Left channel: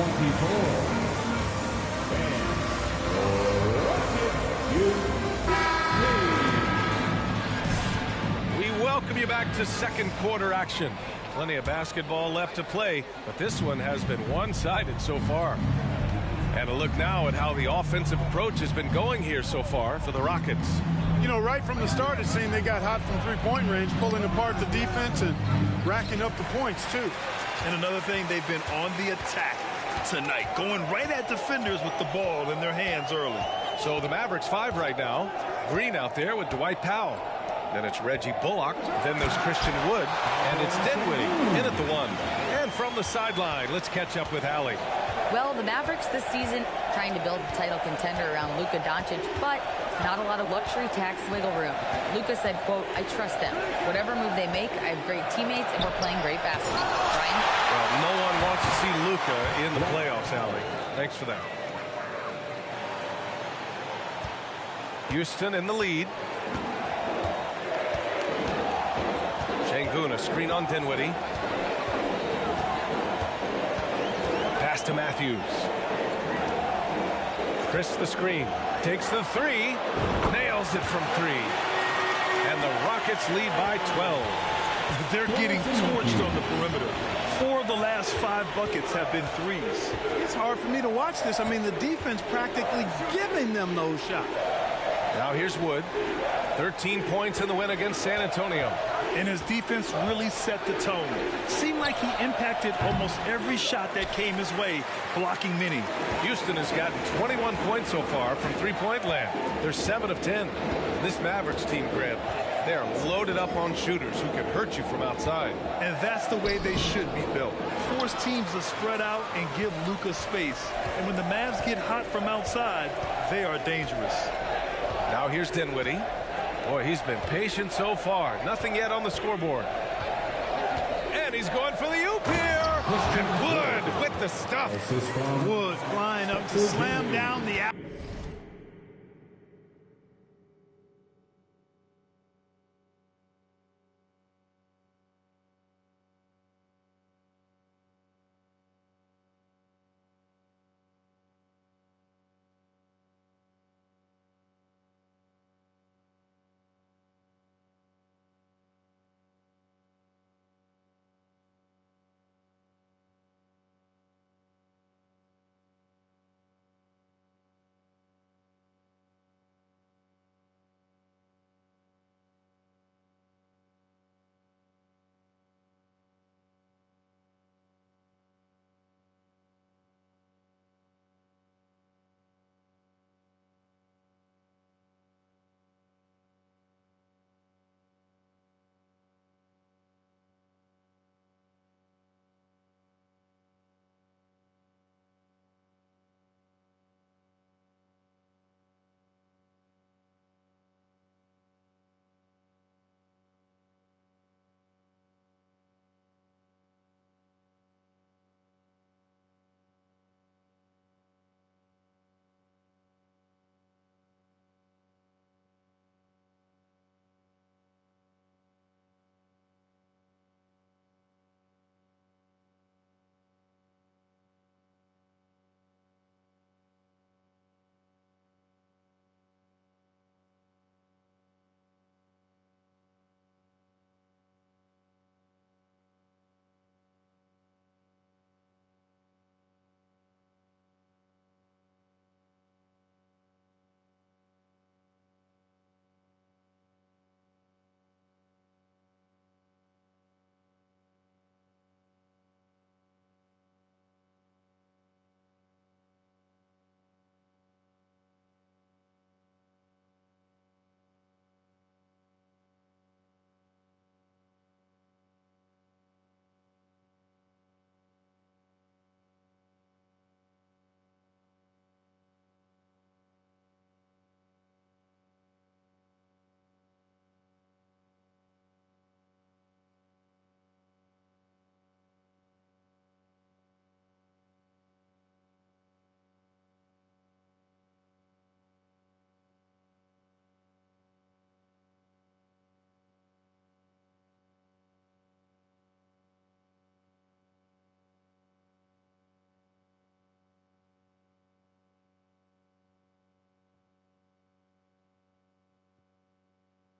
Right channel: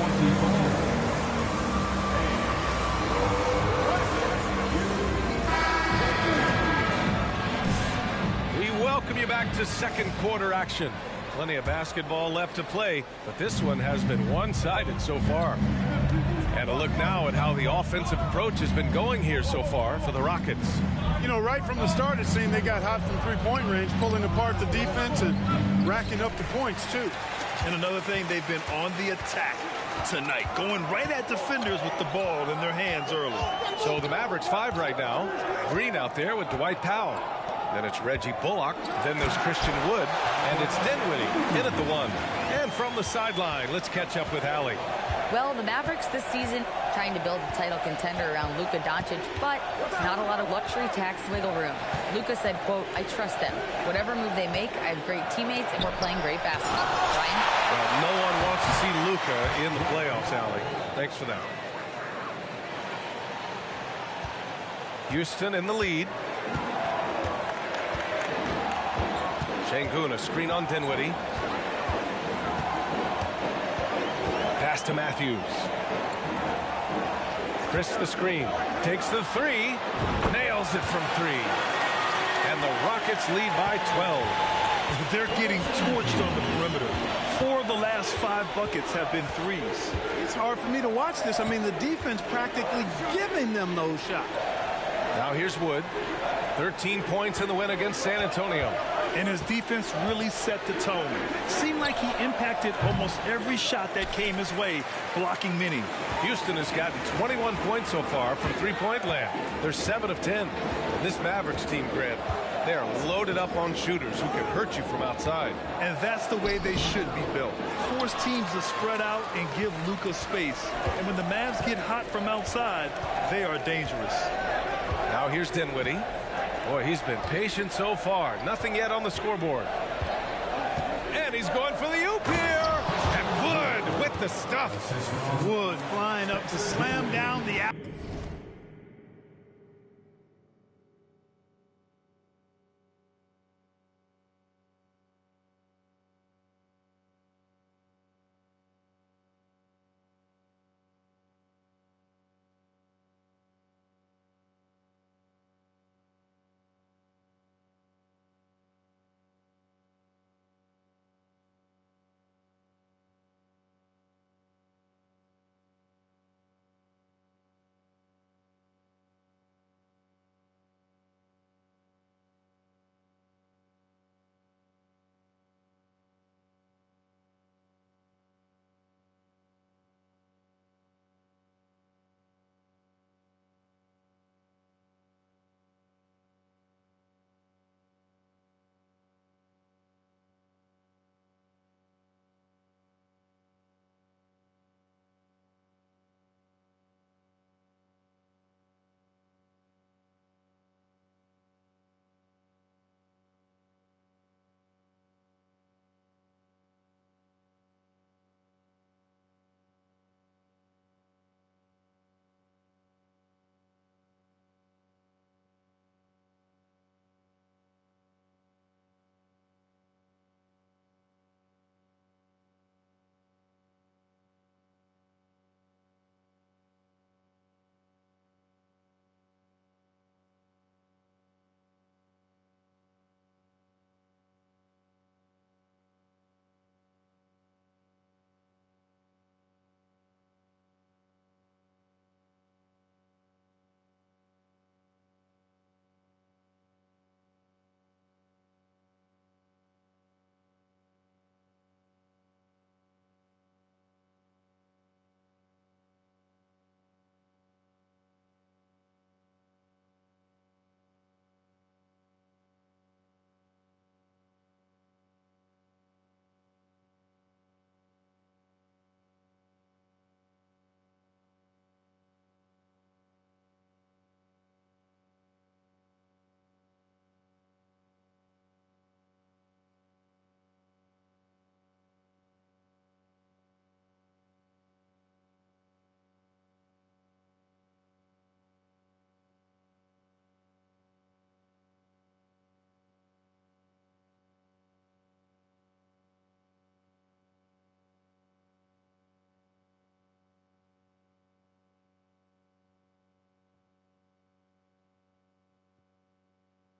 We welcome you back to second quarter action. Plenty of basketball left to play, but this one has been one-sided so far. And a look now at how the offensive approach has been going here so far for the Rockets. You know, right from the start, it seemed they got hot from three-point range, pulling apart the defense and racking up the points, too. And another thing, they've been on the attack tonight, going right at defenders with the ball in their hands early. So the Mavericks 5 right now. Green out there with Dwight Powell. Then it's Reggie Bullock. Then there's Christian Wood. And it's Dinwiddie in at the 1. And from the sideline, let's catch up with Hallie. Well, the Mavericks this season trying to build a title contender around Luka Doncic, but not a lot of luxury tax wiggle room. Luka said, quote, "I trust them. Whatever move they make, I have great teammates, and we're playing great basketball." Brian? Well, no one wants to see Luka in the playoffs, Hallie. Thanks for that. Houston in the lead. Şengün, a screen on Dinwiddie. Pass to Matthews. Chris the screen. Takes the 3. Nails it from 3. And the Rockets lead by 12. They're getting torched on the perimeter. 4 of the last 5 buckets have been threes. It's hard for me to watch this. I mean, the defense practically giving them those shots. Now here's Wood. 13 points in the win against San Antonio. And his defense really set the tone. Seemed like he impacted almost every shot that came his way, blocking many. Houston has gotten 21 points so far from three-point land. They're 7 of 10. This Mavericks team, Grant, they are loaded up on shooters who can hurt you from outside. And that's the way they should be built. Force teams to spread out and give Luka space. And when the Mavs get hot from outside, they are dangerous. Now here's Dinwiddie. Boy, he's been patient so far. Nothing yet on the scoreboard. And he's going for the oop here. And Wood with the stuff. Wood flying up to slam down the out.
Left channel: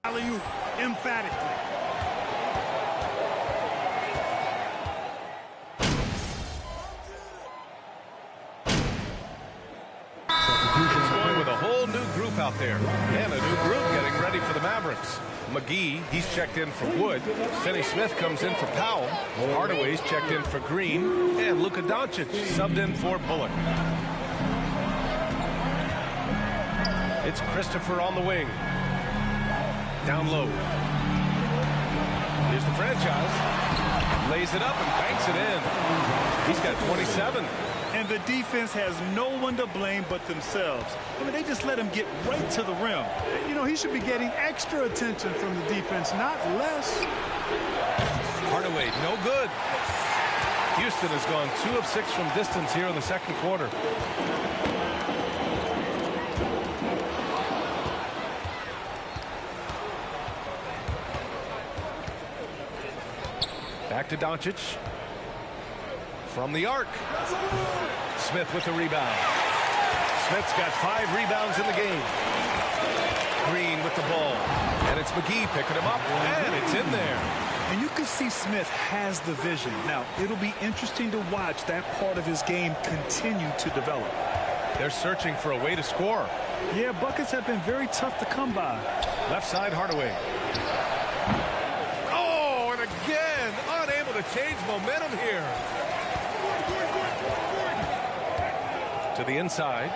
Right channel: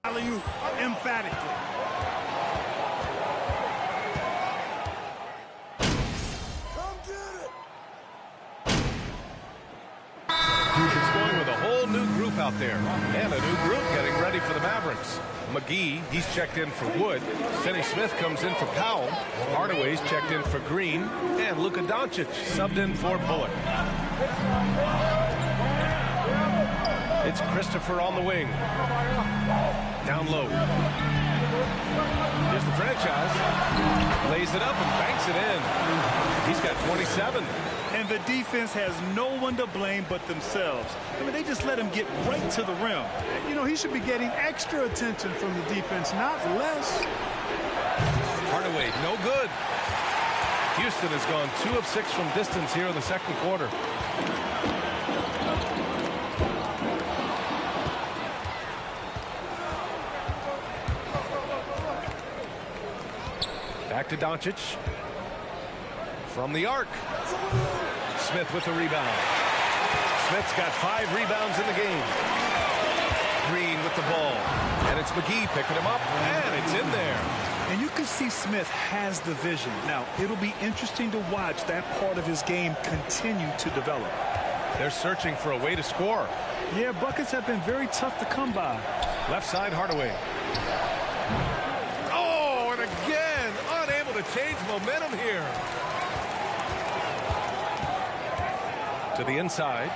Alley-oop emphatically. It's going with a whole new group out there. And a new group getting ready for the Mavericks. McGee, he's checked in for Wood. Finney-Smith comes in for Powell. Hardaway's checked in for Green. And Luka Doncic subbed in for Bullock. It's Christopher on the wing. Down low. Here's the franchise. Lays it up and banks it in. He's got 27. And the defense has no one to blame but themselves. I mean, they just let him get right to the rim. You know, he should be getting extra attention from the defense, not less. Hardaway, no good. Houston has gone 2 of 6 from distance here in the second quarter. Back to Doncic. From the arc. Smith with the rebound. Smith's got 5 rebounds in the game. Green with the ball. And it's McGee picking him up. And it's in there. And you can see Smith has the vision. Now, it'll be interesting to watch that part of his game continue to develop. They're searching for a way to score. Yeah, buckets have been very tough to come by. Left side, Hardaway. Oh, and again, unable to change momentum here. To the inside.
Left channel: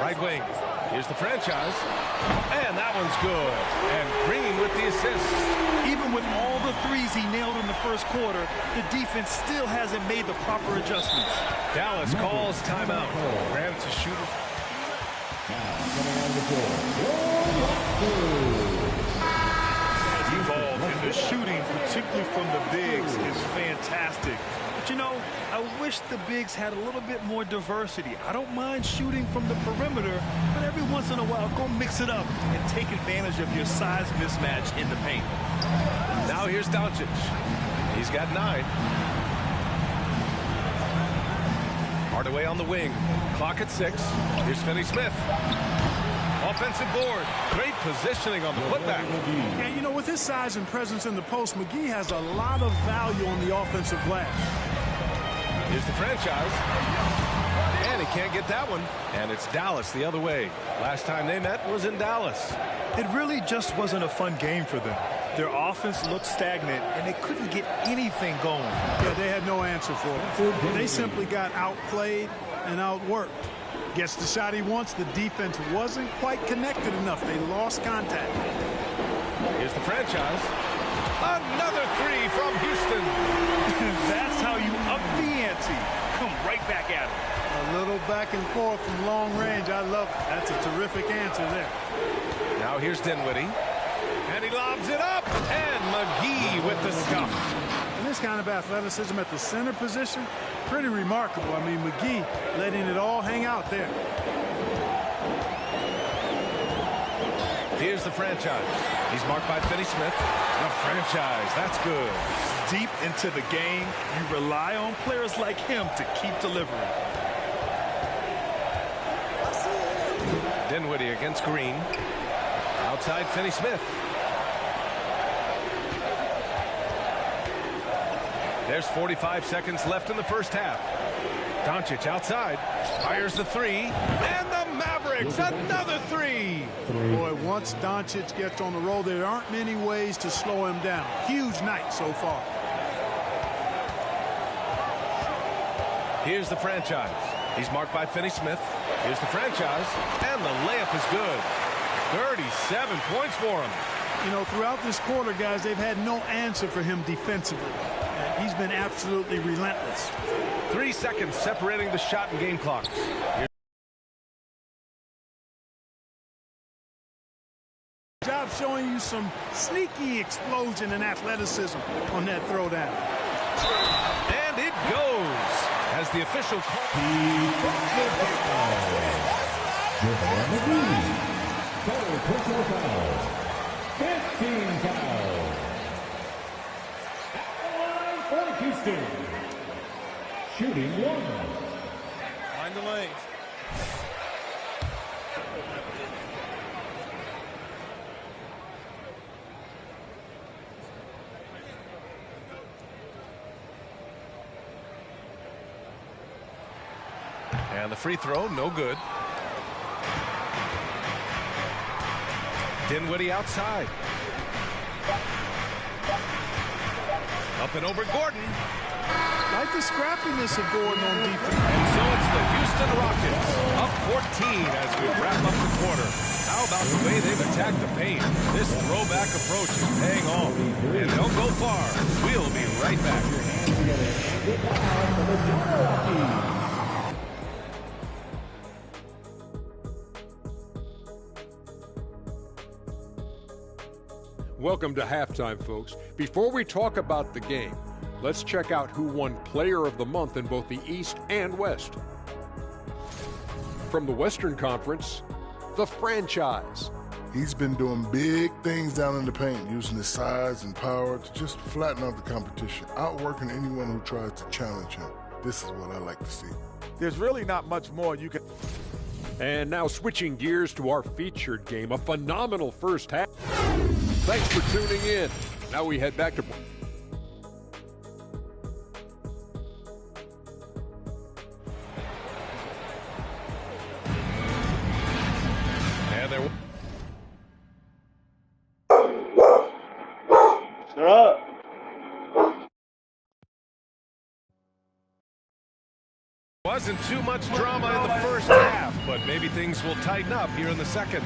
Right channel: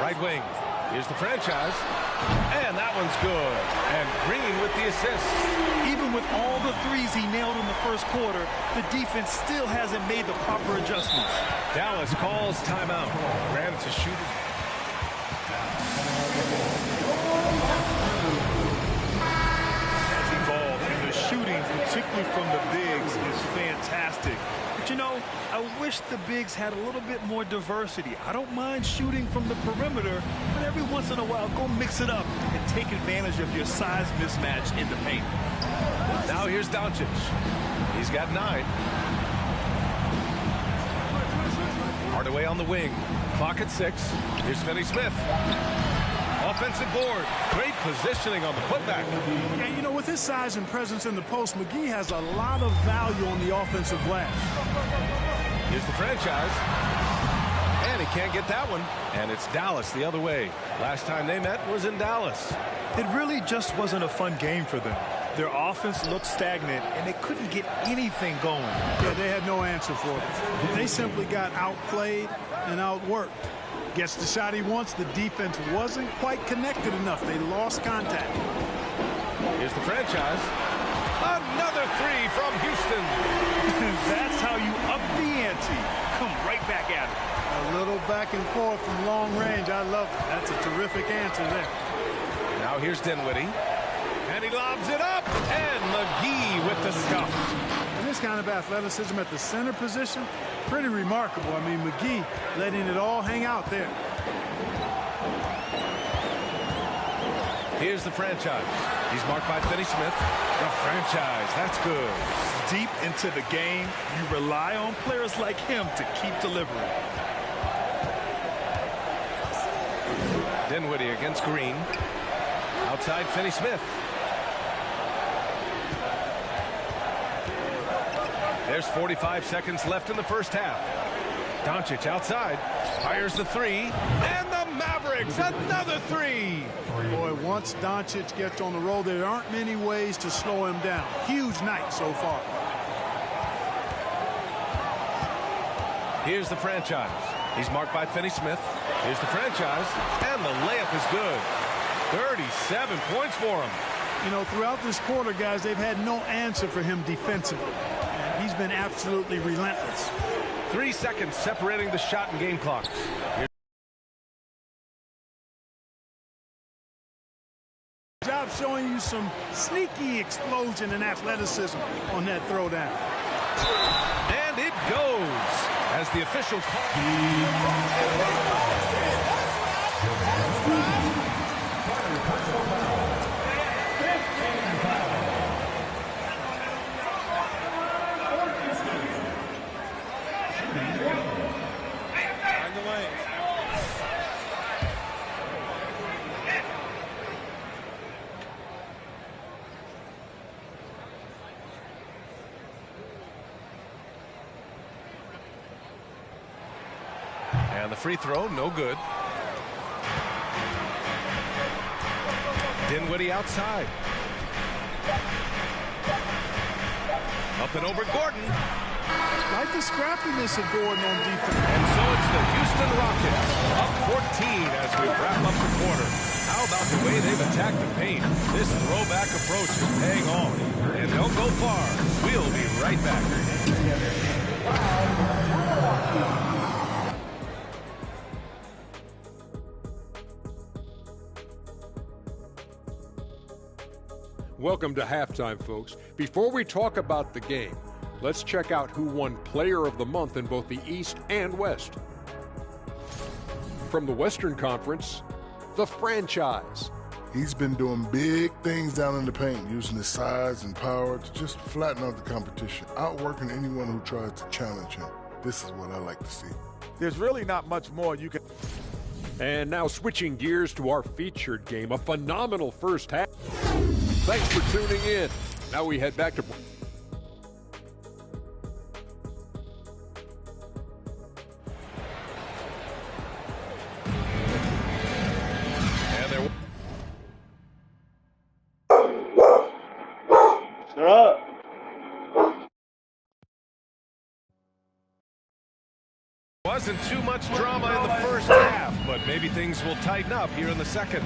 Right wing. Here's the franchise. And that one's good. And Green with the assist. Even with all the threes he nailed in the first quarter, the defense still hasn't made the proper adjustments. Dallas calls timeout. Granted to shooters. Has evolved, and the shooting, particularly from the bigs, is fantastic. But, you know, I wish the bigs had a little bit more diversity. I don't mind shooting from the perimeter, but every once in a while, go mix it up and take advantage of your size mismatch in the paint. Now here's Doncic. He's got 9. Hardaway on the wing. Clock at 6. Here's Finney-Smith. Offensive board. Great positioning on the putback. And, you know, with his size and presence in the post, McGee has a lot of value on the offensive glass. Here's the franchise. And he can't get that one. And it's Dallas the other way. Last time they met was in Dallas. It really just wasn't a fun game for them. Their offense looked stagnant, and they couldn't get anything going. Yeah, they had no answer for it. They simply got outplayed and outworked. Gets the shot he wants. The defense wasn't quite connected enough. They lost contact. Here's the franchise. Another 3 from Houston. That's how you up the ante. Come right back at it. A little back and forth from long range. I love it. That's a terrific answer there. Now here's Dinwiddie. And he lobs it up. And McGee with the stuff. And this kind of athleticism at the center position, pretty remarkable. I mean, McGee letting it all hang out there. Here's the franchise. He's marked by Finney-Smith. The franchise. That's good. Deep into the game, you rely on players like him to keep delivering. Dinwiddie against Green. Outside Finney-Smith. There's 45 seconds left in the first half. Doncic outside. Fires the 3. And the Mavericks, another 3. Boy, once Doncic gets on the roll, there aren't many ways to slow him down. Huge night so far. Here's the franchise. He's marked by Finney-Smith. Here's the franchise. And the layup is good. 37 points for him. You know, throughout this quarter, guys, they've had no answer for him defensively. And he's been absolutely relentless. 3 seconds separating the shot and game clocks. Job showing you some sneaky explosion and athleticism on that throwdown. And it goes as the official call. Personal foul. 15 foul. For Houston. Shooting 1. Find the lane. And the free throw, no good. Dinwiddie outside. Up and over Gordon. Like the scrappiness of Gordon on defense. And so it's the Houston Rockets up 14 as we wrap up the quarter. How about the way they've attacked the paint? This throwback approach is paying off. And they'll go far. We'll be right back. Welcome to halftime, folks. Before we talk about the game, let's check out who won Player of the Month in both the East and West. From the Western Conference, the franchise. He's been doing big things down in the paint, using his size and power to just flatten out the competition, outworking anyone who tries to challenge him. This is what I like to see. There's really not much more you can... And now switching gears to our featured game, a phenomenal first half. Thanks for tuning in. Now we head back to... And there Shut up. wasn't too much drama in the first half, but maybe things will tighten up here in the second.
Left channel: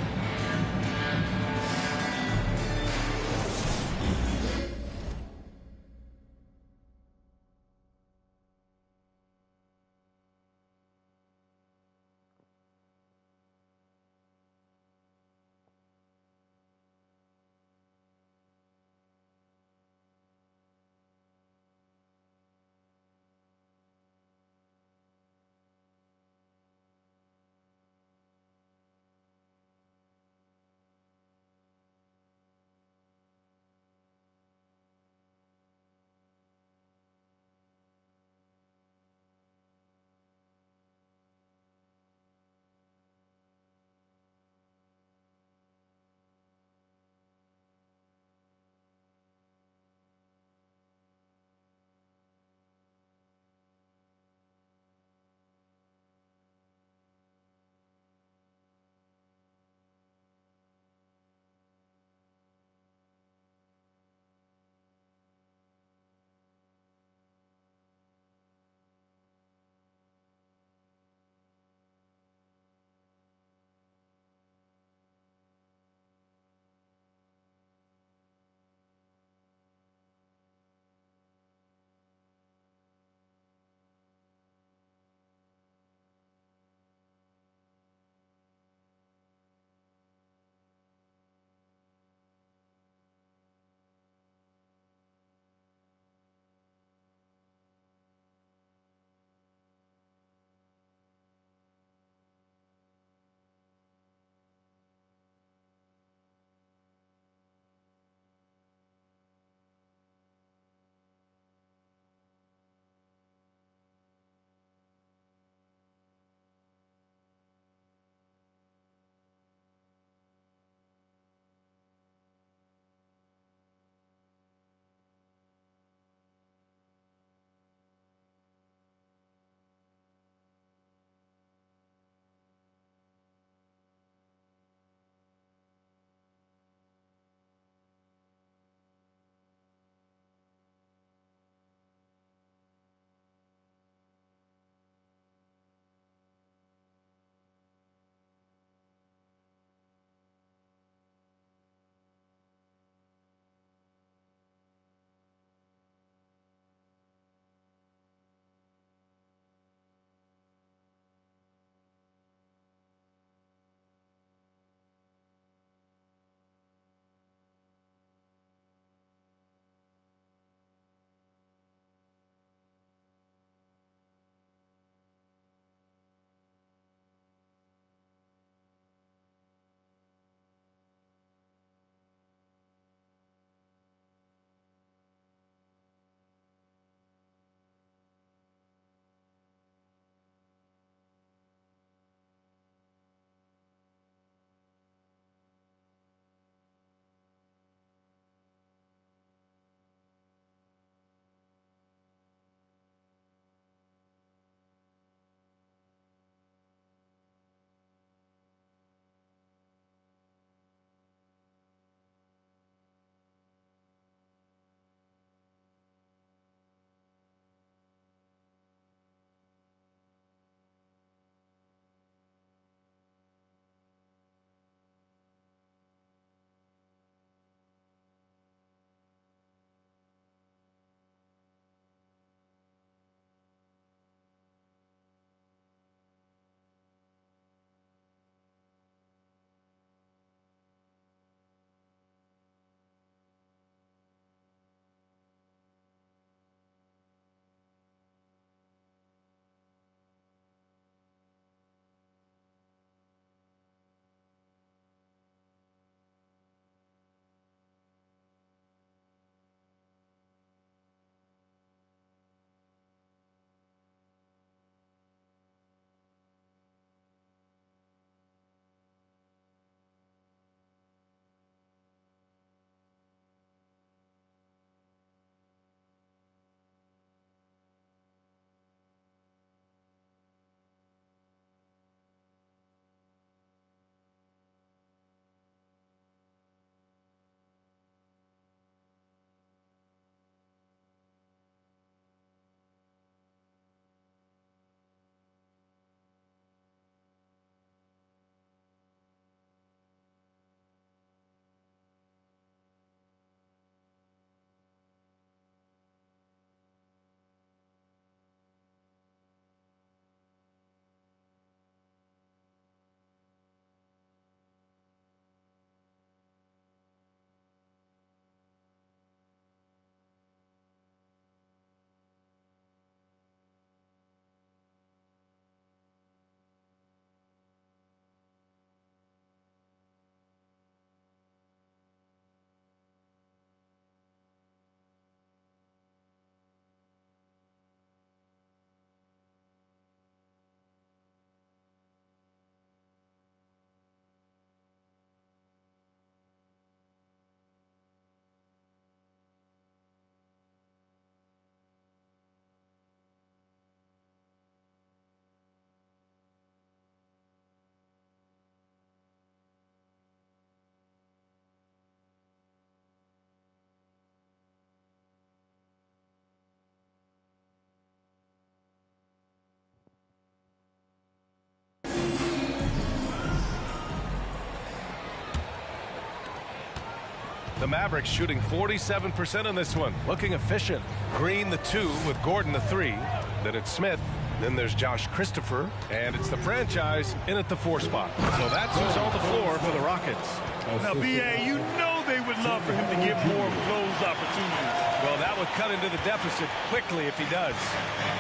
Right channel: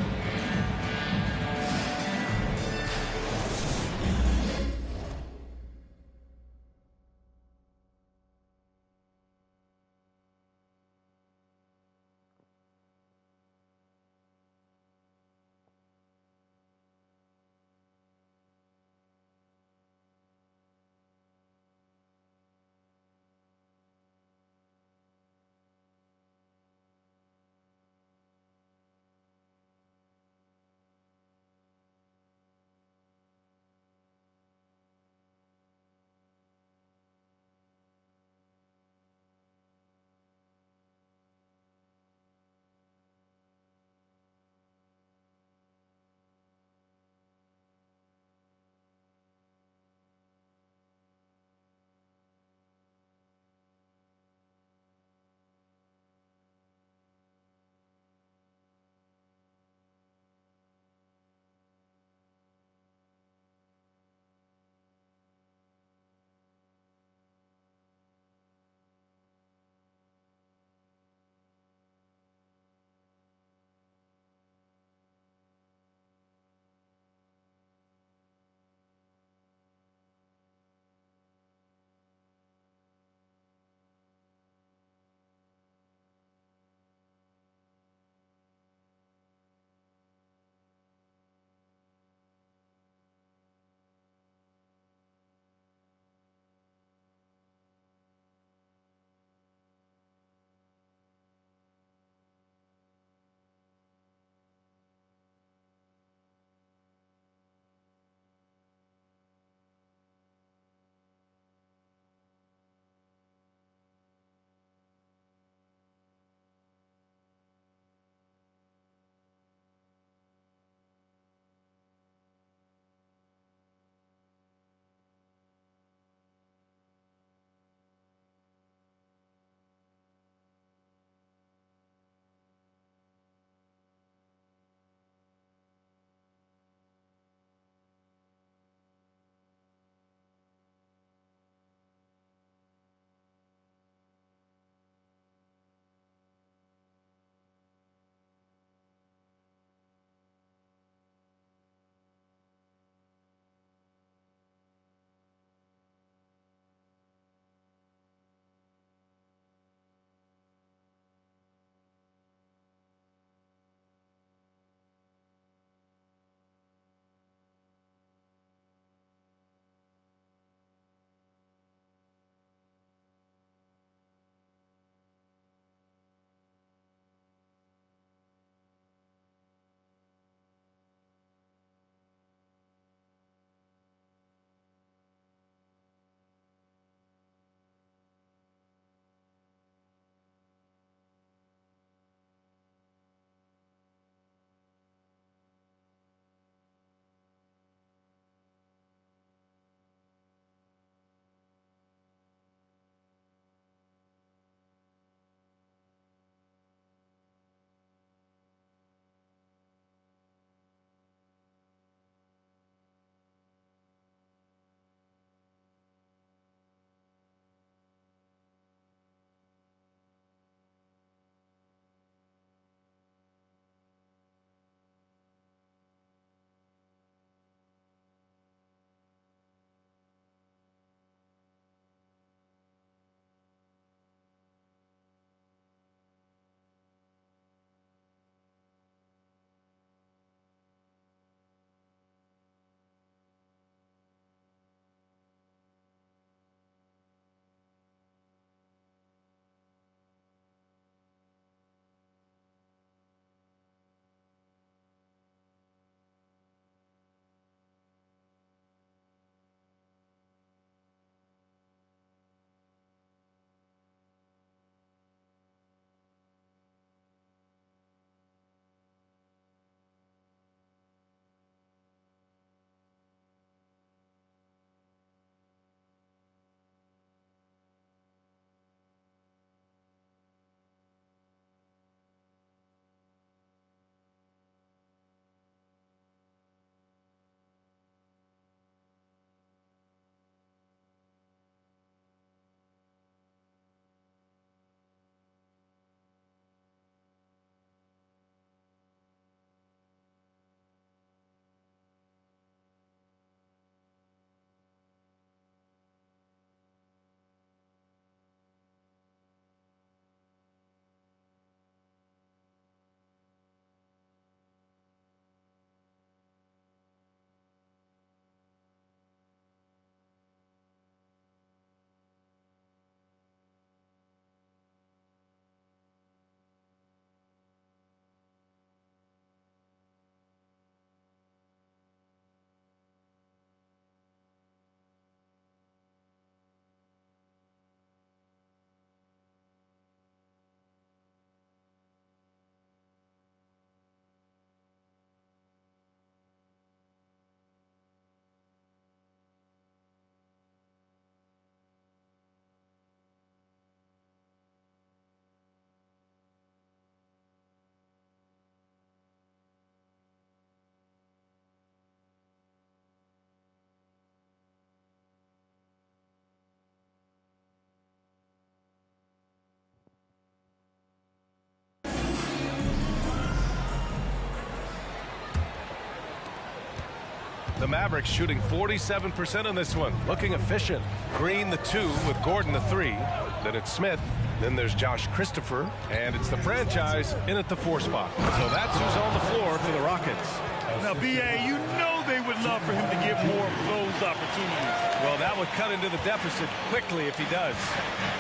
The Mavericks shooting 47% in this one, looking efficient. Green the 2 with Gordon the 3. Then it's Smith. Then there's Josh Christopher, and it's the franchise in at the 4 spot. So that's who's on the floor for the Rockets. Now, B.A., you know they would love for him to get more of those opportunities. Well, that would cut into the deficit quickly if he does.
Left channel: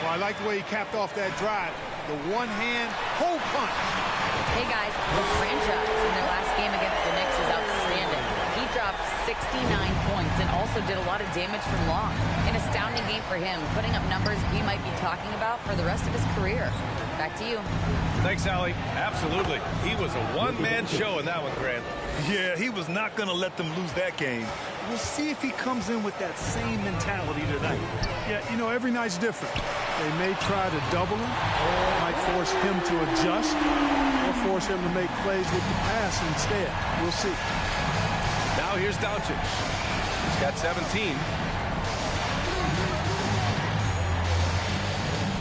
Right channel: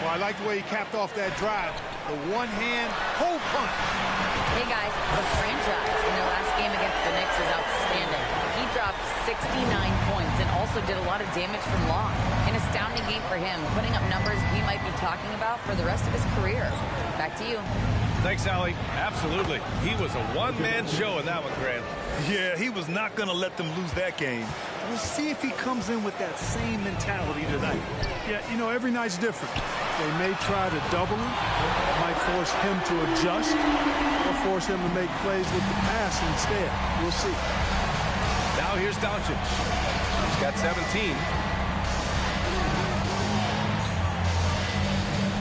Well, I like the way he capped off that drive. The one-hand hole punch. Hey, guys, the franchise in their last game against the Knicks is outstanding. He dropped 69 points and also did a lot of damage from long. An astounding game for him, putting up numbers we might be talking about for the rest of his career. Back to you. Thanks, Allie. Absolutely. He was a one-man show in that one, Grant. Yeah, he was not going to let them lose that game. We'll see if he comes in with that same mentality tonight. Yeah, you know, every night's different. They may try to double him, might force him to adjust, or force him to make plays with the pass instead. We'll see. Now here's Doncic. He's got 17.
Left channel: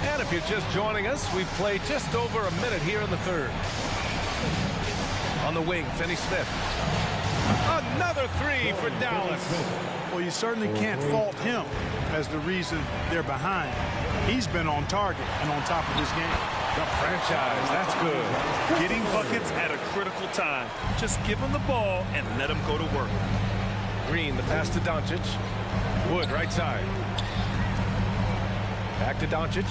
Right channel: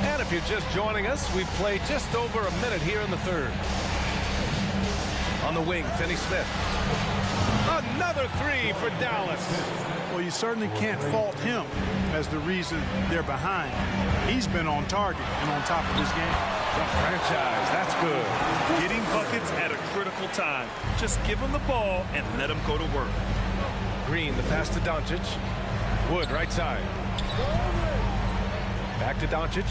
And if you're just joining us, we've played just over a minute here in the third. On the wing, Finney Smith. Another 3 for Dallas. Well, you certainly can't fault him as the reason they're behind. He's been on target and on top of his game. The franchise, that's good. Getting buckets at a critical time. Just give him the ball and let him go to work. Green, the pass to Doncic. Wood, right side. Back to Doncic.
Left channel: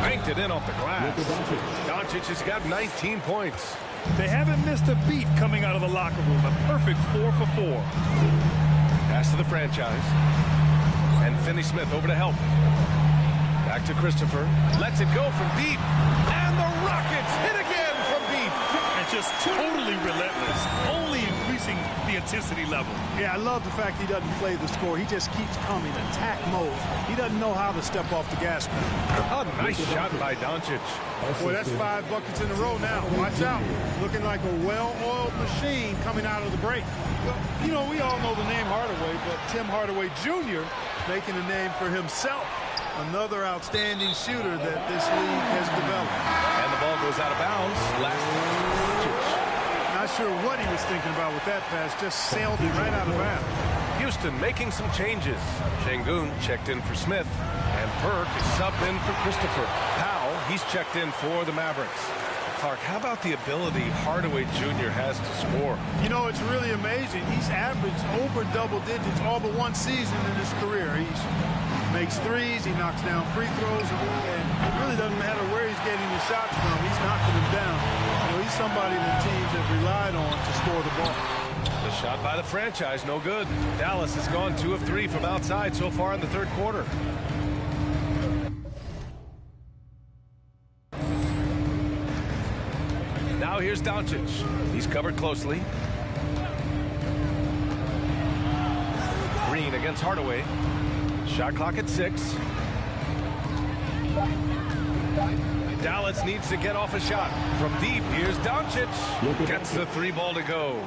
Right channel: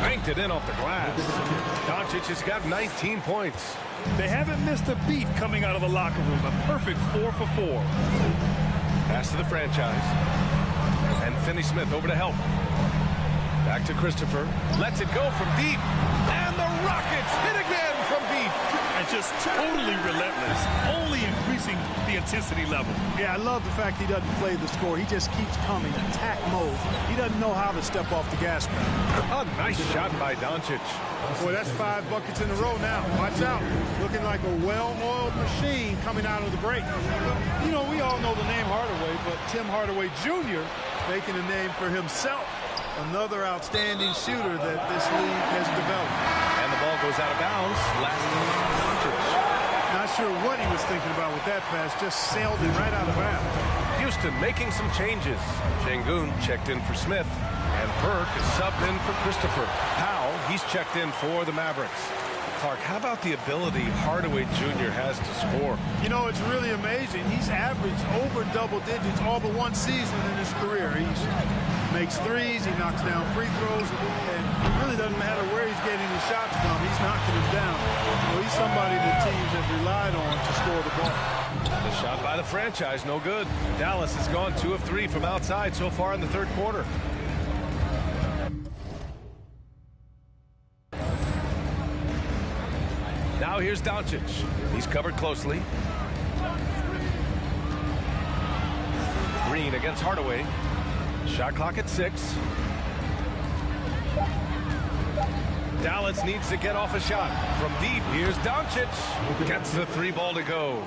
Banked it in off the glass. Doncic has got 19 points. They haven't missed a beat coming out of the locker room. A perfect 4 for 4. Pass to the franchise. And Finney Smith over to help. Back to Christopher. Lets it go from deep. And the Rockets hit again from deep. And just totally relentless. Only increasing the intensity level. Yeah, I love the fact he doesn't play the score. He just keeps coming, attack mode. He doesn't know how to step off the gas pedal. A nice shot by Doncic. Boy, that's 5 buckets in a row now. Watch out. Looking like a well-oiled machine coming out of the break. Well, you know, we all know the name Hardaway, but Tim Hardaway Jr. making a name for himself. Another outstanding shooter that this league has developed. And the ball goes out of bounds. Last Doncic. Not sure what he was thinking about with that pass. Just sailed it right out of bounds. Houston making some changes. Şengün checked in for Smith. And Burke is subbed in for Christopher. Powell, he's checked in for the Mavericks. Clark, how about the ability Hardaway Jr. has to score? You know, it's really amazing. He's averaged over double digits all but one season in his career. He makes threes, he knocks down free throws, and it really doesn't matter where he's getting his shots from. He's knocking them down. You know, he's somebody that teams have relied on to score the ball. The shot by the franchise, no good. Dallas has gone 2 of 3 from outside so far in the third quarter. Now here's Doncic. He's covered closely. Green against Hardaway. Shot clock at 6. Dallas needs to get off a shot. From deep, here's Doncic. Gets the 3 ball to go.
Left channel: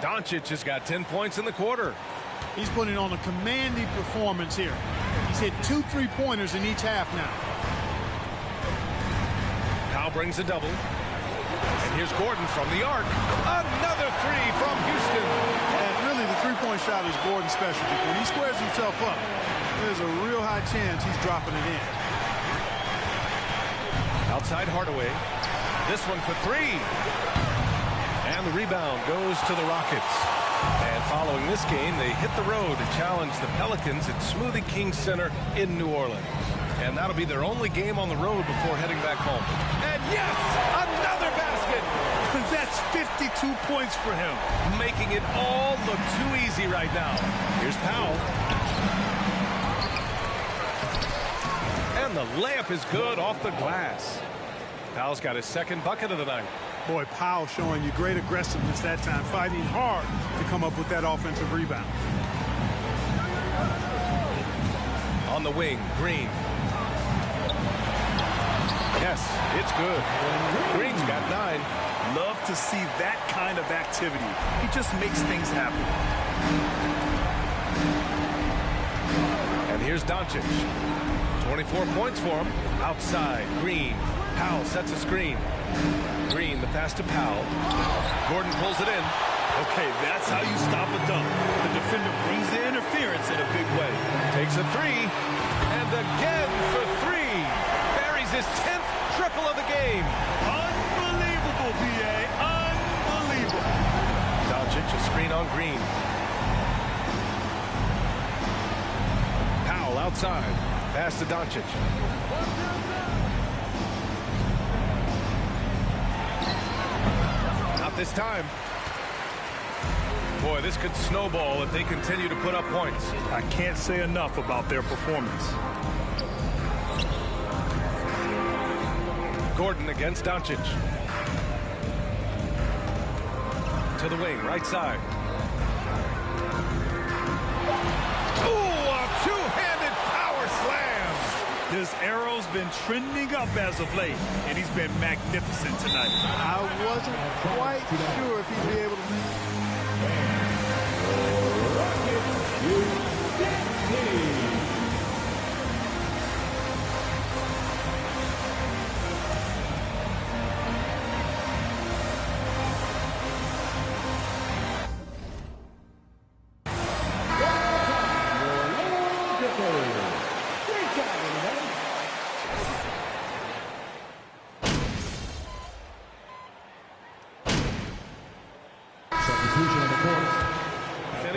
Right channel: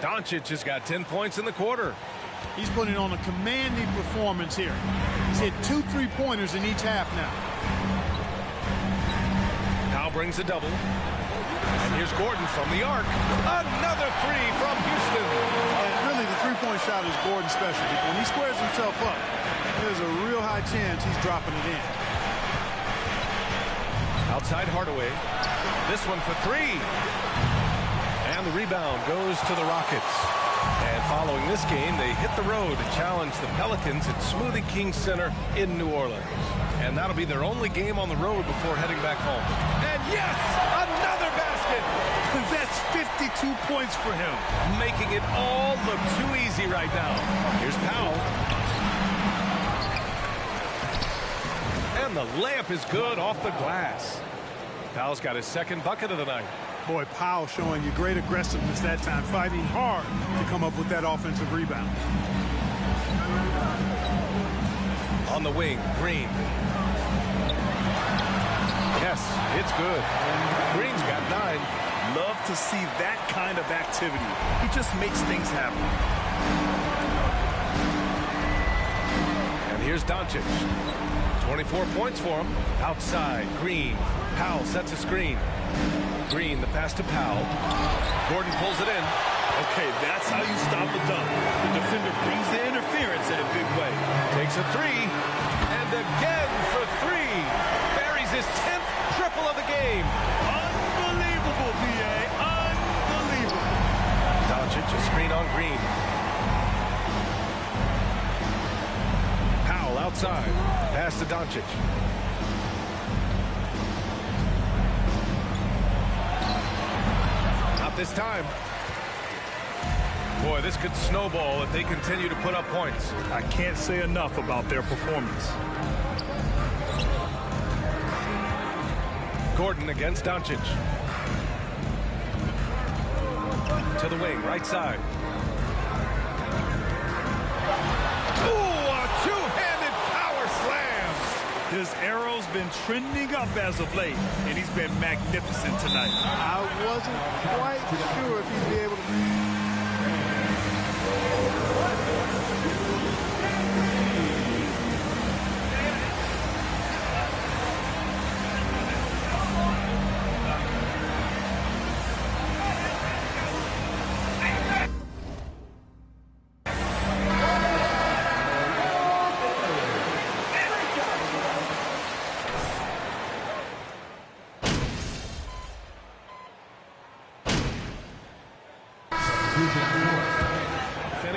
Doncic has got 10 points in the quarter. He's putting on a commanding performance here. He's hit 2 3-pointers in each half now. Powell brings a double. And here's Gordon from the arc. Another 3 from Houston. And really, the 3-point shot is Gordon's specialty. When he squares himself up, there's a real high chance he's dropping it in. Outside Hardaway. This one for 3. And the rebound goes to the Rockets. And following this game, they hit the road to challenge the Pelicans at Smoothie King Center in New Orleans. And that'll be their only game on the road before heading back home. And yes, another basket. That's 52 points for him. Making it all look too easy right now. Here's Powell. And the layup is good off the glass. Powell's got his 2nd bucket of the night. Boy, Powell showing you great aggressiveness that time, fighting hard to come up with that offensive rebound. On the wing, Green. Yes, it's good. Green's got 9. Love to see that kind of activity. He just makes things happen. And here's Doncic. 24 points for him. Outside, Green. Powell sets a screen. Green, the pass to Powell. Gordon pulls it in. Okay, that's how you stop a dunk. The defender brings the interference in a big way. Takes a three. And again for three. Buries his 10th triple of the game. Unbelievable, B.A. Unbelievable. Doncic, a screen on Green. Powell outside. Pass to Doncic. Not this time. Boy, this could snowball if they continue to put up points. I can't say enough about their performance. Gordon against Doncic. To the wing, right side. Ooh, a two-handed power slam. His arrow's been trending up as of late, and he's been magnificent tonight. I wasn't quite sure if he'd be able to make it.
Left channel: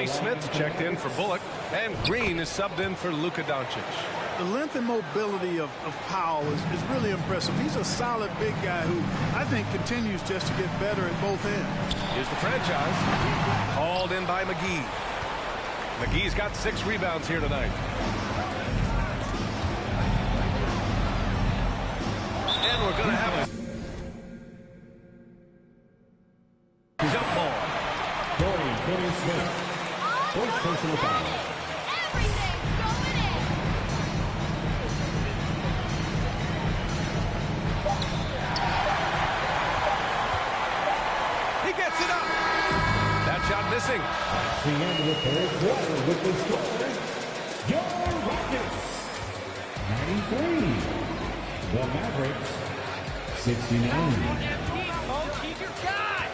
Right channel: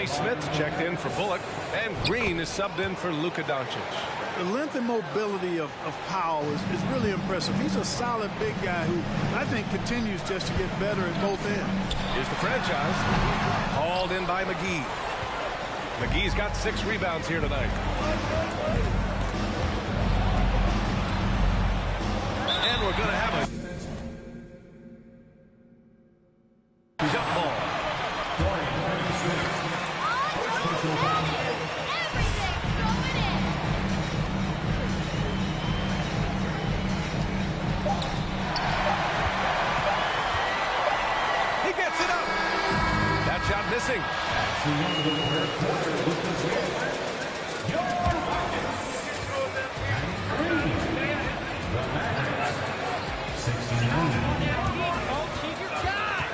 Smith checked in for Bullock, and Green is subbed in for Luka Doncic. The length and mobility of Powell is really impressive. He's a solid big guy who I think continues just to get better at both ends. Here's the franchise. Hauled in by McGee. McGee's got 6 rebounds here tonight. And we're going to have a jump ball. First personal foul. Everything's going in. He gets it up. That shot missing. That's the end of the third quarter with the score. Your Rockets 93. The Mavericks 69. He's your guy.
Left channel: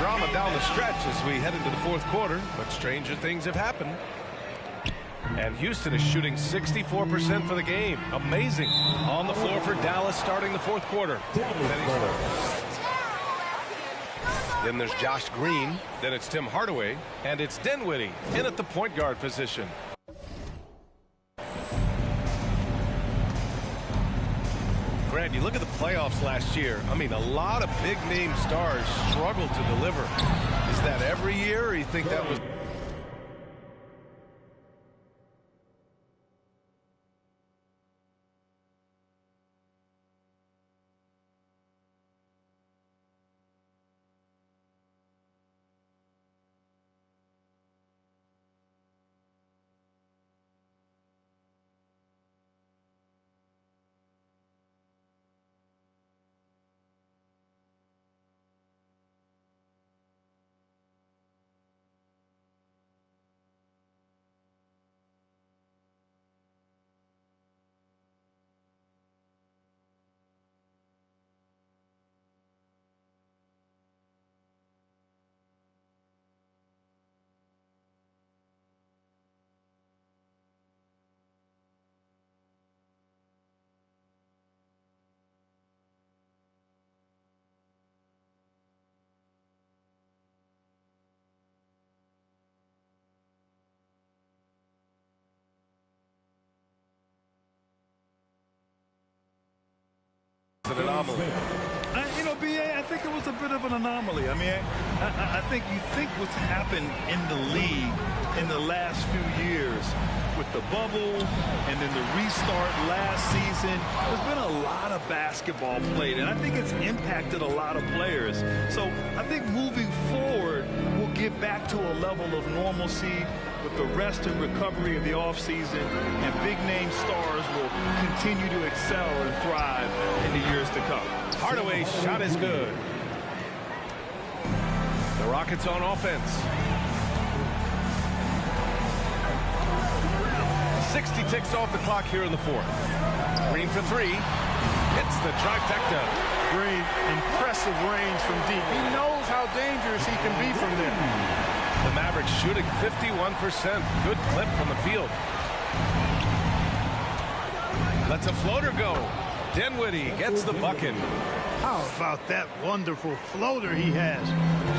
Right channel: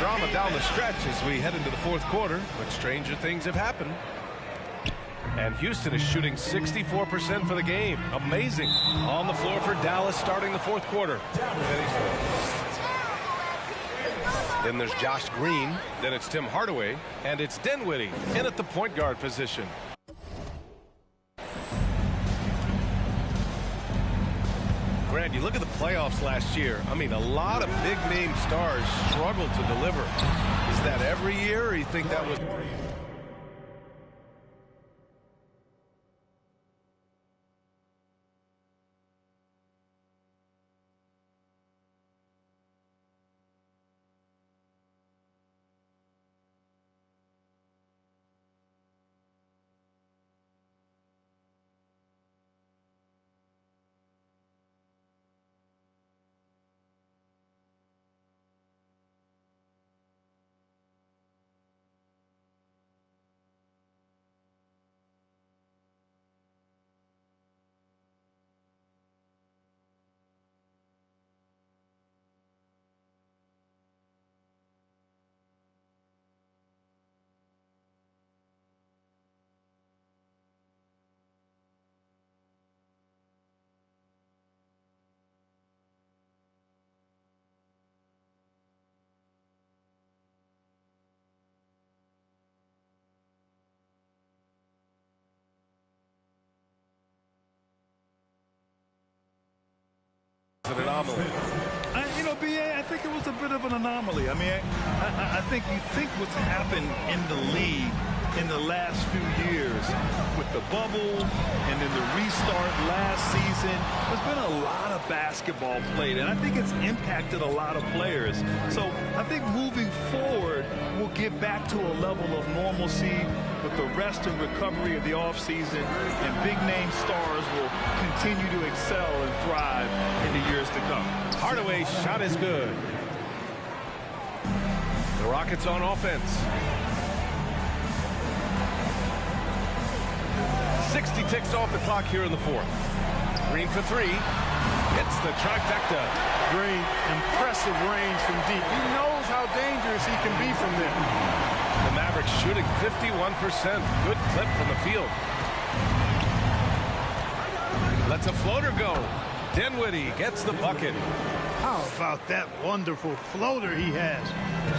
drama down the stretch as we head into the fourth quarter, but stranger things have happened. And Houston is shooting 64% for the game. Amazing. On the floor for Dallas starting the fourth quarter. Then there's Josh Green. Then it's Tim Hardaway. And it's Dinwiddie in at the point guard position. Grant, you look at the playoffs last year. I mean, a lot of big-name stars struggled to deliver. Is that every year, or you think that was... an anomaly? You know, B.A., I think it was a bit of an anomaly. I mean, I think you think what's happened in the league in the last few years with the bubble and then the restart last season, there's been a lot of basketball played, and I think it's impacted a lot of players. So I think moving forward, we'll get back to a level of normalcy with the rest and recovery of the offseason, and big-name stars will continue to excel and thrive in the years to come. Hardaway's shot is good. The Rockets on offense. 60 ticks off the clock here in the fourth. Green for three. Hits the trifecta. Green, impressive range from deep. He knows how dangerous he can be from there. The Mavericks shooting 51%. Good clip from the field. Lets a floater go. Dinwiddie gets the bucket. How about that wonderful floater he has,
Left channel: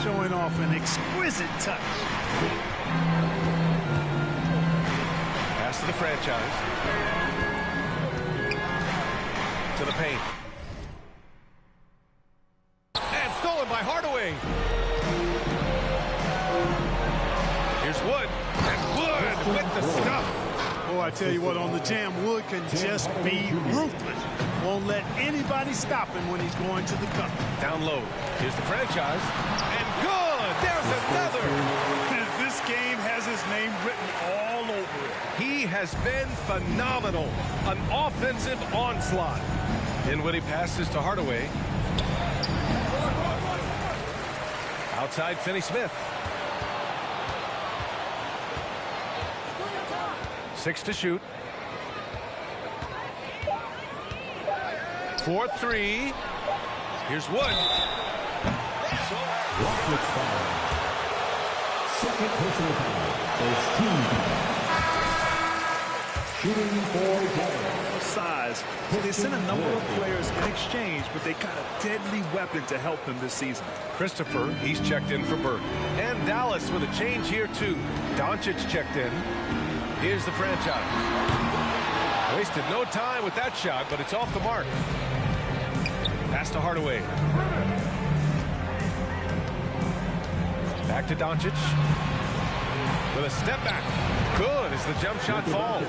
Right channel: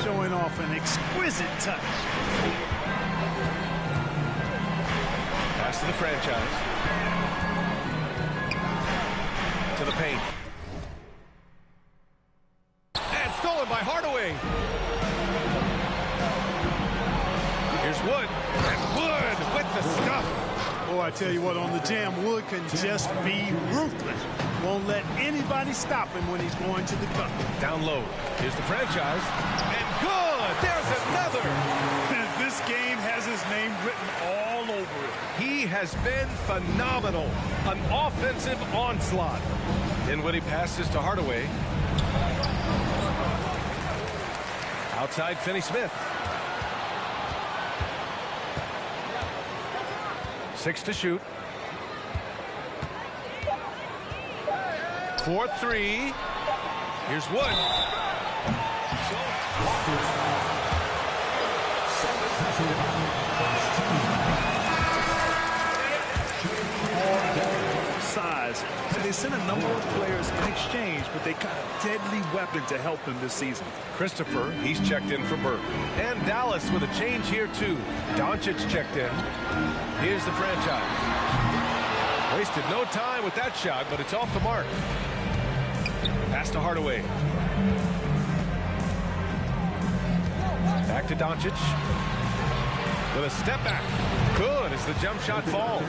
showing off an exquisite touch. Pass to the franchise. To the paint. And stolen by Hardaway. Here's Wood. And Wood with the stuff. Oh, I tell you what, on the jam, Wood can just be ruthless. Won't let anybody stop him when he's going to the cup. Down low. Here's the franchise. And good. There's another. This game has his name written all over it. He has been phenomenal. An offensive onslaught. Dinwiddie passes to Hardaway. Outside Finney-Smith. 6 to shoot. 4-3. Here's Wood. So second personal foul is team. Shooting for Dallas. Size. So they sent a number of players in exchange, but they got a deadly weapon to help them this season. Christopher, he's checked in for Burke. And Dallas with a change here too. Doncic checked in. Here's the franchise. Wasted no time with that shot, but it's off the mark. Pass to Hardaway. Back to Doncic. With a step back. Good as the jump shot falls.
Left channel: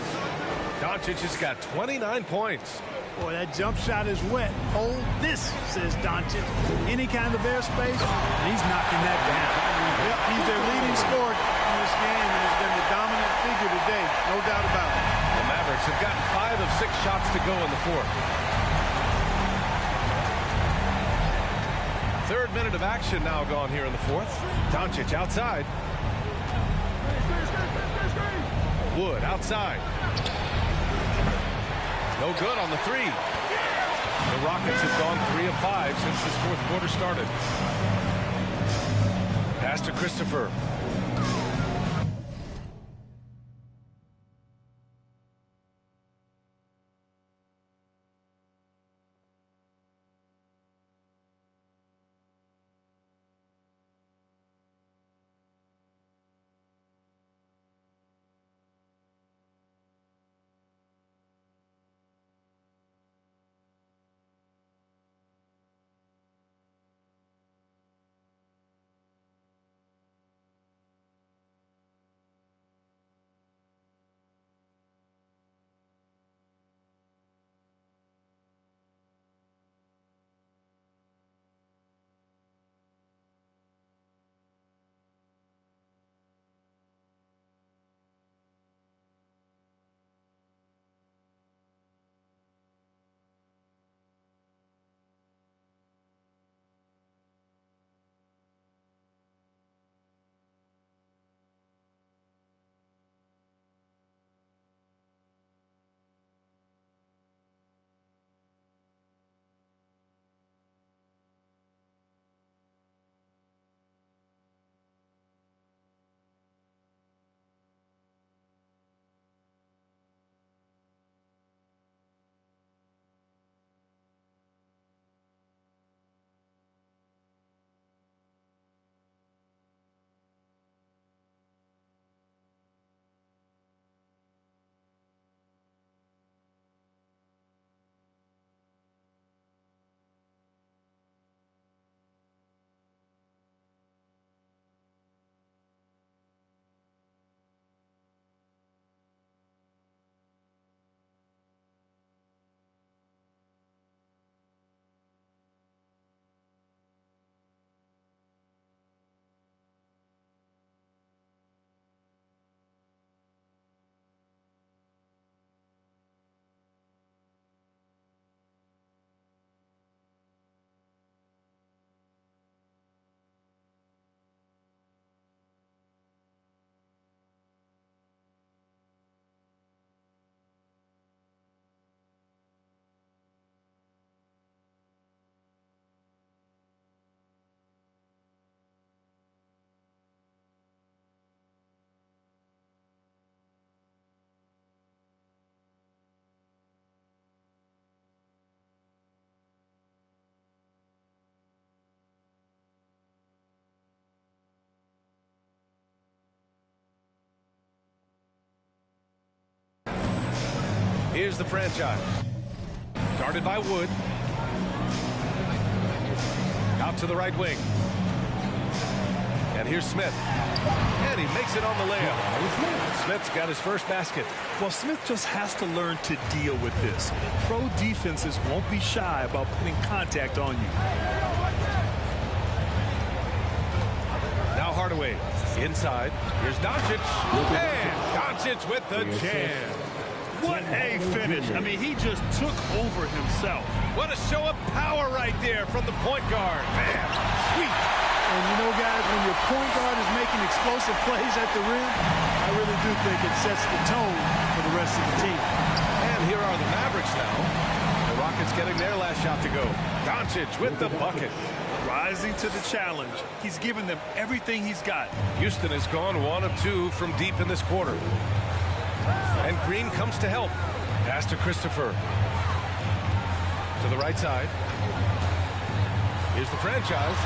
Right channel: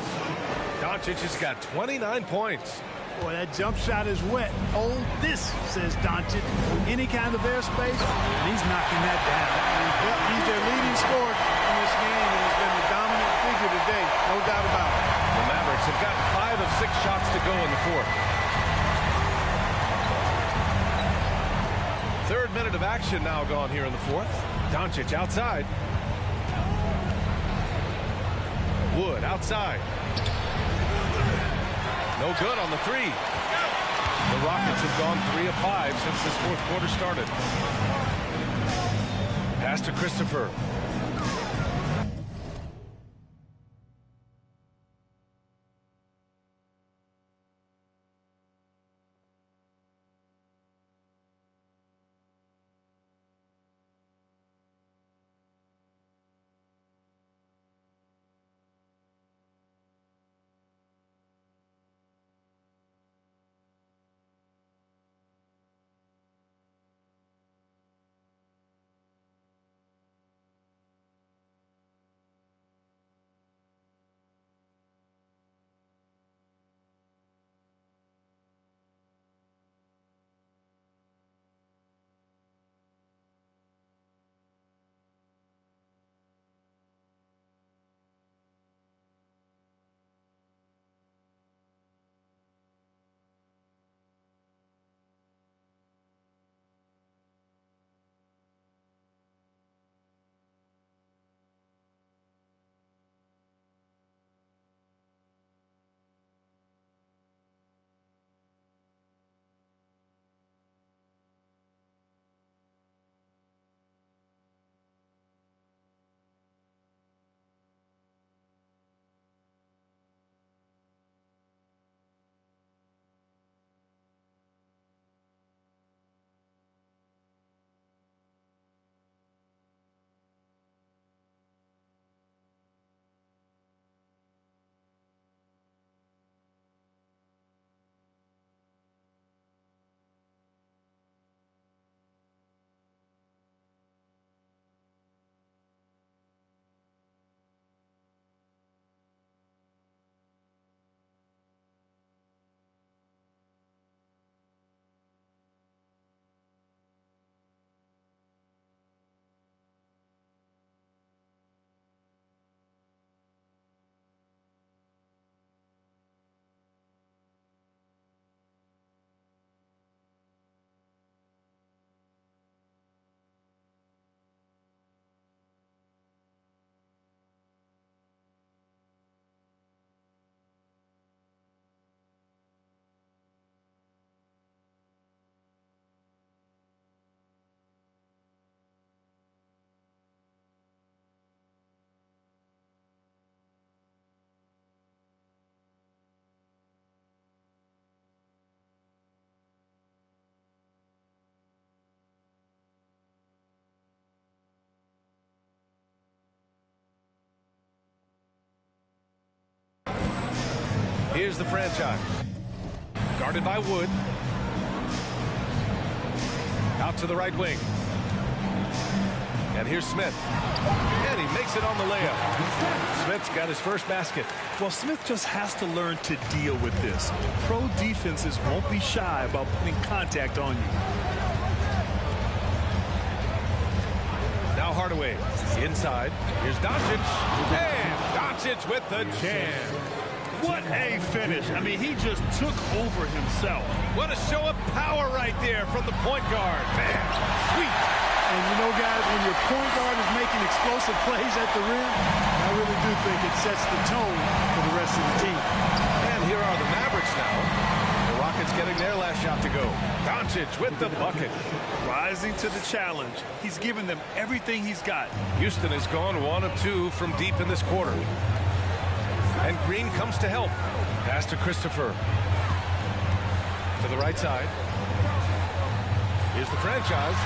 Doncic has got 29 points. Boy, that jump shot is wet. Hold this, says Doncic. Any kind of airspace, and he's knocking that down. Yep, he's their leading scorer in this game and has been the dominant figure today. No doubt about it. The Mavericks have gotten 5 of 6 shots to go in the fourth. Third minute of action now gone here in the fourth. Doncic outside. Wood outside. No good on the three. The Rockets have gone 3 of 5 since this fourth quarter started. Pass to Christopher. Here's the franchise. Guarded by Wood. Out to the right wing. And here's Smith. And he makes it on the layup. Smith's got his first basket. Well, Smith just has to learn to deal with this. Pro defenses won't be shy about putting contact on you. Now Hardaway inside. Here's Doncic. And Doncic with the jam. What a finish. I mean, he just took over himself. What a show of power right there from the point guard. Man, sweet. And you know, guys, when your point guard is making explosive plays at the rim, I really do think it sets the tone for the rest of the team. And here are the Mavericks now. The Rockets getting their last shot to go. Doncic with the bucket. Rising to the challenge. He's given them everything he's got. Houston has gone 1 of 2 from deep in this quarter. And Green comes to help. Pass to Christopher. To the right side. Here's the franchise.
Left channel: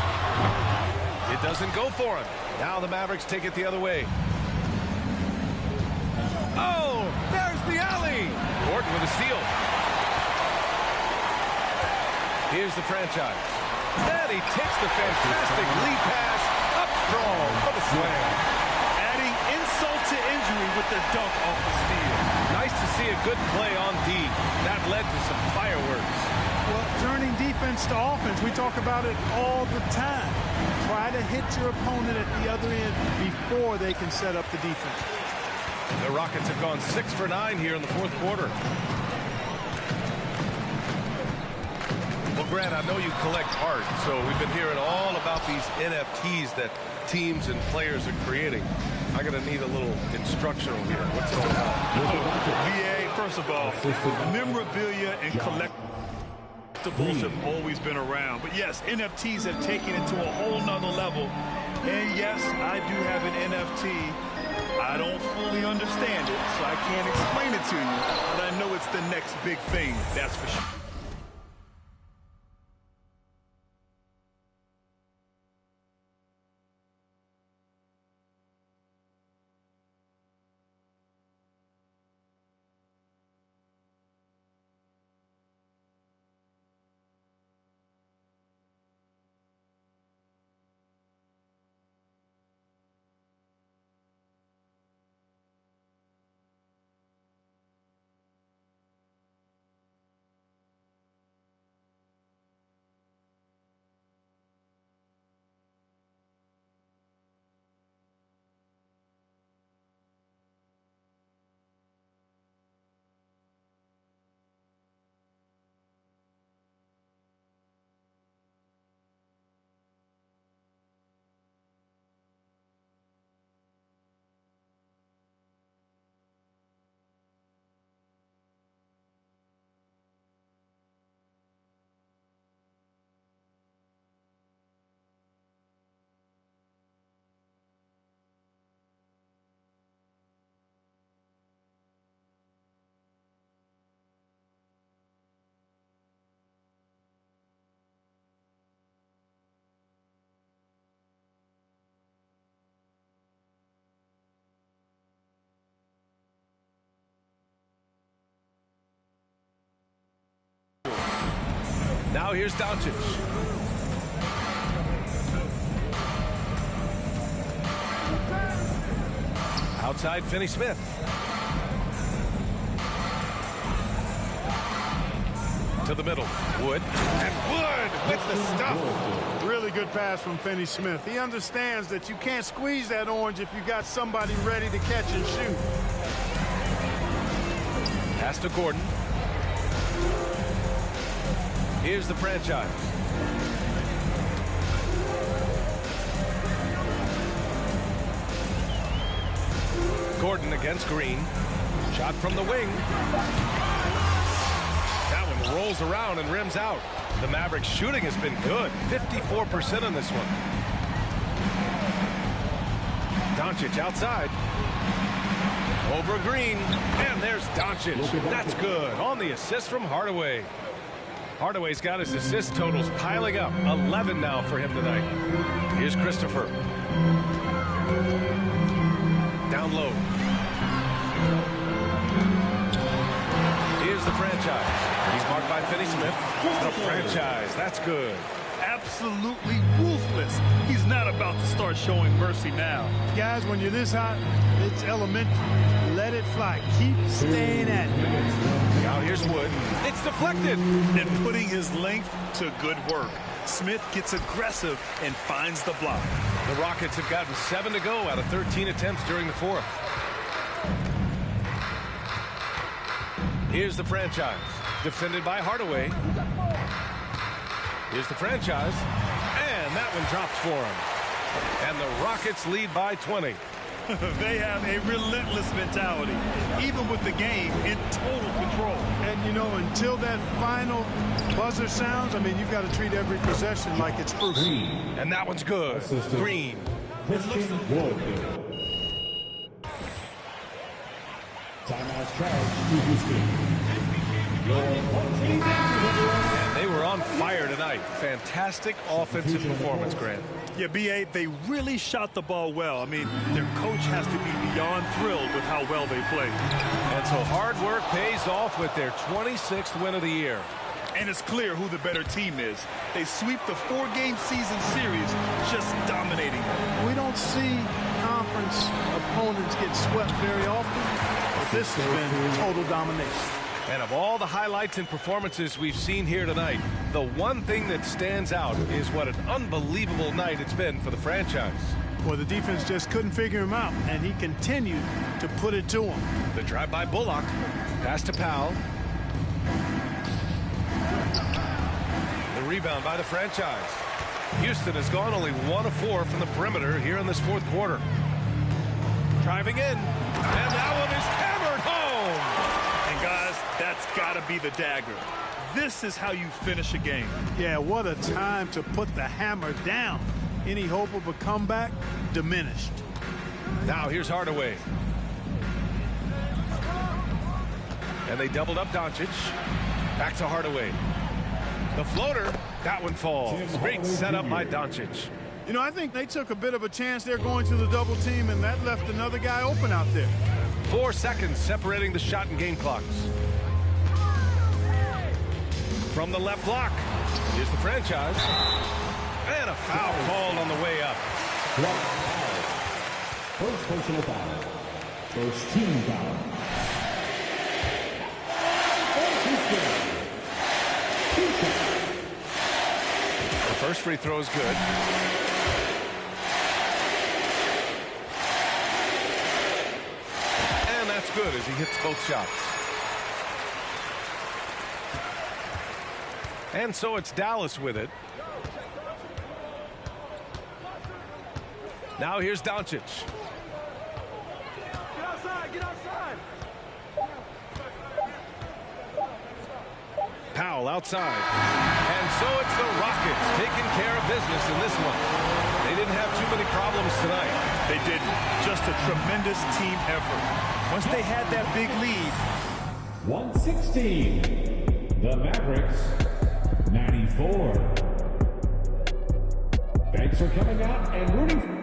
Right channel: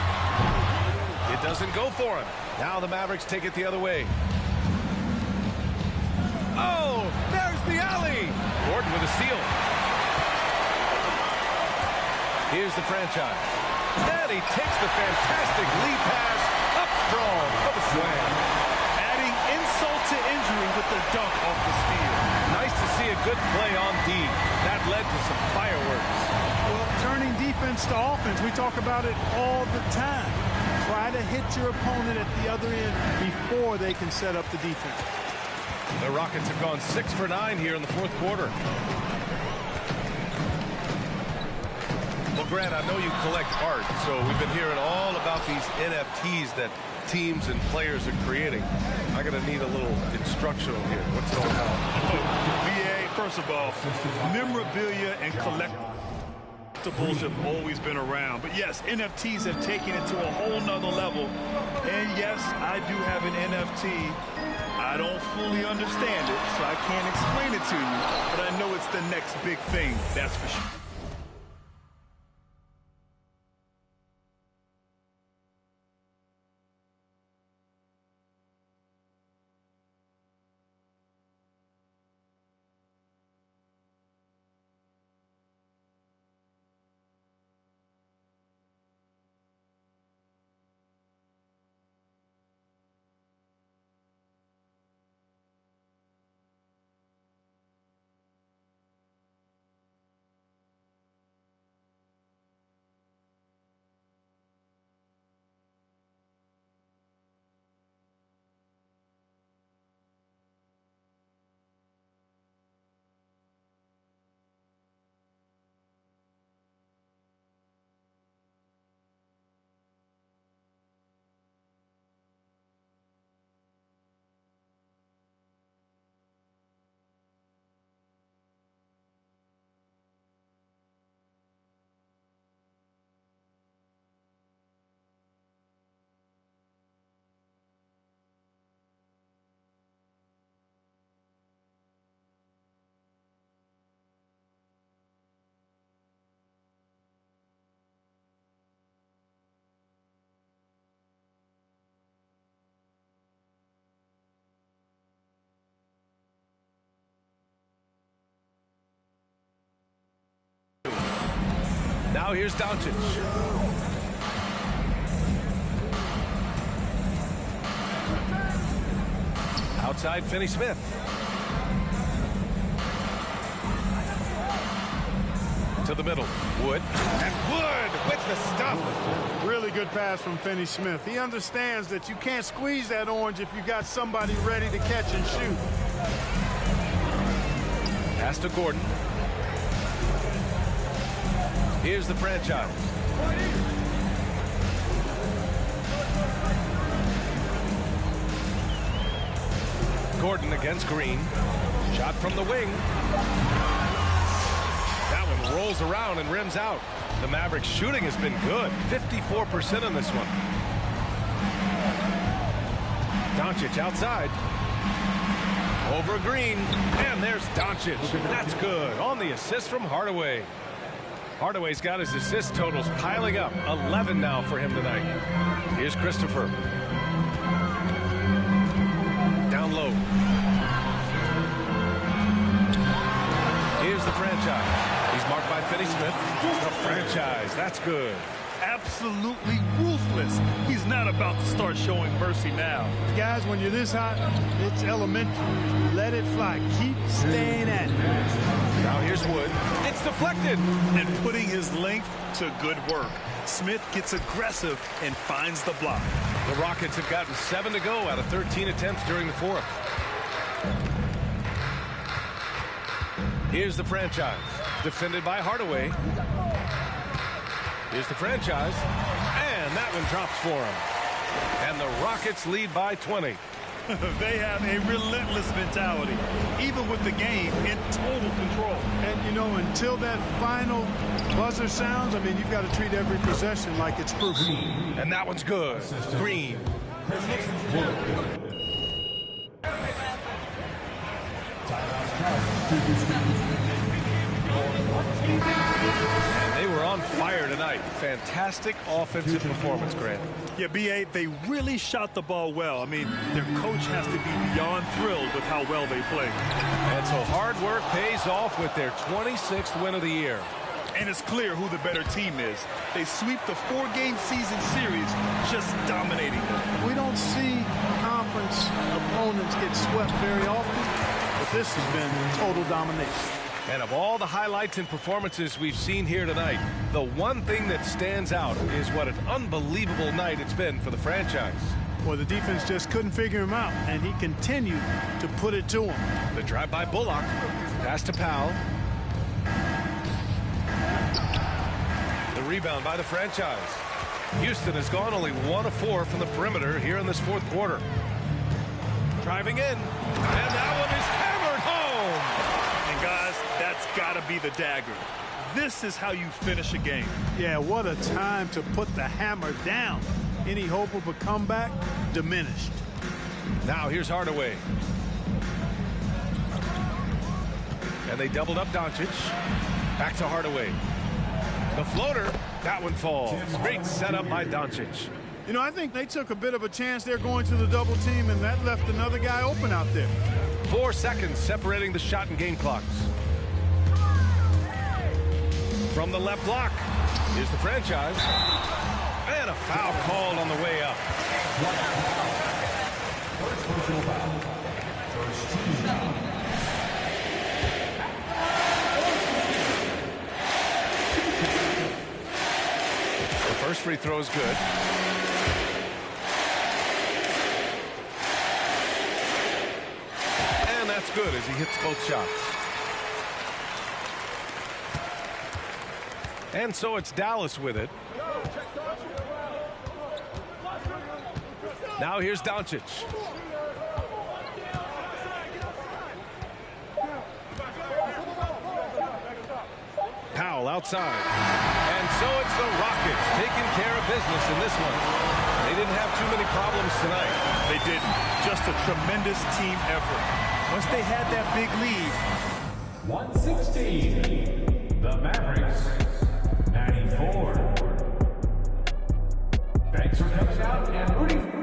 It doesn't go for him. Now the Mavericks take it the other way. Oh, there's the alley. Gordon with a steal. Here's the franchise. Then he takes the fantastic lead pass up strong for the slam. Adding insult to injury with the dunk off the steal. Nice to see a good play on D. That led to some fireworks. Well, turning defense to offense, we talk about it all the time. Try to hit your opponent at the other end before they can set up the defense. The Rockets have gone 6 for 9 here in the fourth quarter. Well, Grant, I know you collect art, so we've been hearing all about these NFTs that teams and players are creating. I'm going to need a little instructional here. What's it all about? VA, first of all, memorabilia and collect. collectibles have always been around. But yes, NFTs have taken it to a whole nother level. And yes, I do have an NFT. I don't fully understand it, so I can't explain it to you. But I know it's the next big thing, that's for sure. Now here's Doncic. Outside, Finney-Smith. To the middle. Wood. And Wood with the stuff. Really good pass from Finney-Smith. He understands that you can't squeeze that orange if you got somebody ready to catch and shoot. Pass to Gordon. Here's the franchise. Gordon against Green. Shot from the wing. That one rolls around and rims out. The Mavericks shooting has been good. 54% on this one. Doncic outside. Over Green. And there's Doncic. That's good. On the assist from Hardaway. Hardaway's got his assist totals piling up. 11 now for him tonight. Here's Christopher. Down low. Here's the franchise. He's marked by Finney-Smith. The franchise. That's good. Absolutely ruthless. He's not about to start showing mercy now. Guys, when you're this hot, it's elementary. Let it fly. Keep staying at it. Now here's Wood. It's deflected. And putting his length to good work. Smith gets aggressive and finds the block. The Rockets have gotten 7 to go out of 13 attempts during the fourth. Here's the franchise. Defended by Hardaway. Here's the franchise. And that one drops for him. And the Rockets lead by 20. They have a relentless mentality, even with the game in total control. And, you know, until that final buzzer sounds, I mean, you've got to treat every possession like it's proof. And that one's good. Green. And they were on fire tonight. Fantastic offensive performance, Grant. Yeah, B.A., they really shot the ball well. I mean, their coach has to be beyond thrilled with how well they played. And so hard work pays off with their 26th win of the year. And it's clear who the better team is. They sweep the 4-game season series, just dominating them. We don't see conference opponents get swept very often, but this has been total domination. And of all the highlights and performances we've seen here tonight, the one thing that stands out is what an unbelievable night it's been for the franchise. Well, the defense just couldn't figure him out, and he continued to put it to him. The drive by Bullock. Pass to Powell. The rebound by the franchise. Houston has gone only 1 of 4 from the perimeter here in this fourth quarter. Driving in. And that one is hammered home. And guys, that's got to be the dagger. This is how you finish a game. Yeah, what a time to put the hammer down. Any hope of a comeback diminished. Now here's Hardaway. And they doubled up Doncic. Back to Hardaway. The floater, that one falls. Great setup by Doncic. You know, I think they took a bit of a chance there going to the double team, and that left another guy open out there. 4 seconds separating the shot and game clocks. From the left block, here's the franchise. And a foul called on the way up. First personal foul. First team foul. The first free throw is good. And that's good as he hits both shots. And so it's Dallas with it. Now here's Doncic. Powell outside. And so it's the Rockets taking care of business in this one. They didn't have too many problems tonight. They didn't. Just a tremendous team effort. Once they had that big lead. 116. The Mavericks. 94. Thanks for coming out and rooting for